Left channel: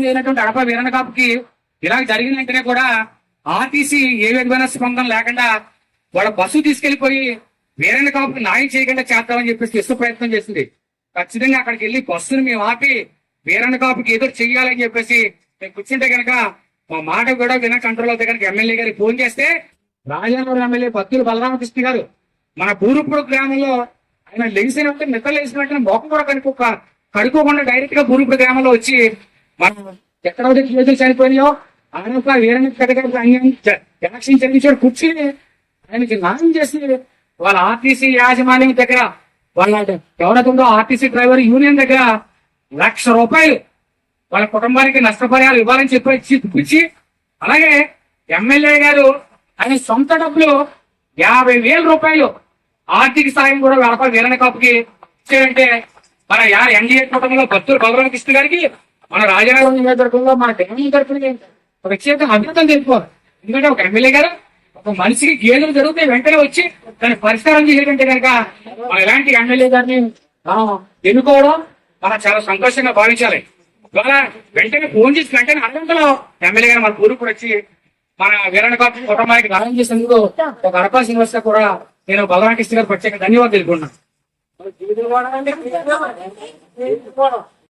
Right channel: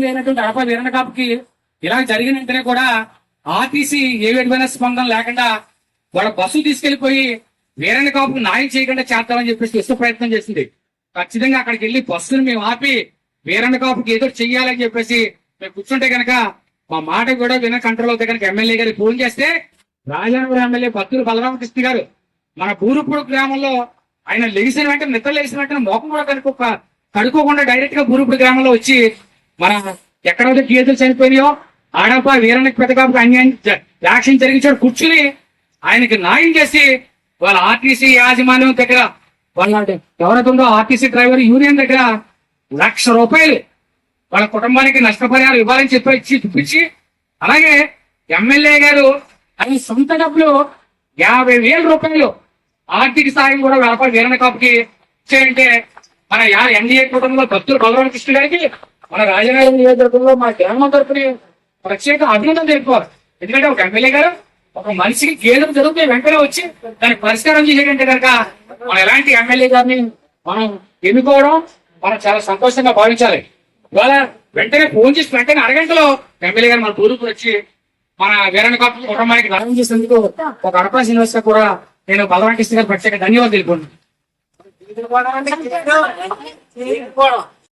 లేనటువంటి అడప వీరణ కాపుకి ఇలా జరిగిన వెంటనే కూడా ఆర్టీసీ ఏ విధమైన స్పందన లేకుండా వాళ్ళ బస్సు తీసుకెళ్ళిపోయి వీరణ కాపుకి న్యాయం చేయకుండా చేద్దామని చెప్పేసి ఇసుక ప్రయత్నం చేసింది. ఖచ్చితంగా అక్కడికి వెళ్ళి బస్సును మేము ఆపి వీరణ కాపుకి ఏదో చెయ్యాలని చెప్పేసి మేము కూర్చుంటే కనుక మా మాట కూడా విన కంట్రోల్ అవుతాయి కనుక ఎమ్మెల్యే గారికి ఫోన్ చేస్తే రాజానగరం ఎమ్మెల్యే భక్తులు బలరామకృష్ణ గారు మన బూరుపూడు గ్రామంలో ఆయన లేచిన వెంటనే నిద్ర లేచిన వెంటనే మోకం కూడా కనుక కడుక్కోకుండా డైరెక్ట్గా బూరుప్పుడు గ్రామంలో వచ్చి మన ఎక్కడైతే కేసులు చనిపోయినాయో ఆడప వీరానికి పెద్దకాపు అన్యాయం యాక్షన్ జరిగించాడు. కూర్చుని ఆయనకి న్యాయం చేసి వాళ్ళ ఆర్టీసీ యాజమాన్యం దగ్గర వాళ్ళ ఎవరైతే ఆర్టీసీ డ్రైవర్ యూనియన్ దగ్గర లక్ష రూపాయలు వాళ్ళ కుటుంబానికి నష్టపరిహారం ఇవ్వాలని చెప్పి ఇచ్చి చూపించి అలాగే ఎమ్మెల్యే గారు ఆయన సొంత డబ్బులు యాభై వేల రూపాయలు ఆర్థిక సాయం కూడా వ్యాపార వీరణ కాపుకి ఇచ్చారంటే మన యా ఎన్డీఏ కూటమిలో భక్తులు బలరామకృష్ణ గారికి మన రాజనగరం నియోజకవర్గంలో మన గ్రామం తరపున ప్రత్యేక అభినందన తెలుపుకోవాలి. ఎందుకంటే ఒక ఎమ్మెల్యే గారు ఒక మనిషికి గేదెలు జరుగుతాయి వెంటనే వచ్చి దానికి పరిష్కారం చేసేటంటే కనుక మనం ఎలాంటి ఎమ్మెల్యే గారిని మనం ఎన్నుకోవడం మనం చాలా సంతోషంగా భావించాలి. ఇవాళ వెంటనే ఫోన్ చేసి వెంటనే అరగంటలో ఎమ్మెల్యే గారు మన ఊరుకు వచ్చి మన వీరణ కుటుంబానికి న్యాయం చేసేందుకు ఒక అవకాశం ఇన్వెస్ట్ కూడా నేను బలరామకృష్ణ గారు ప్రత్యేక ధన్యవాదాలు తెలుపుకున్నాను జీవితం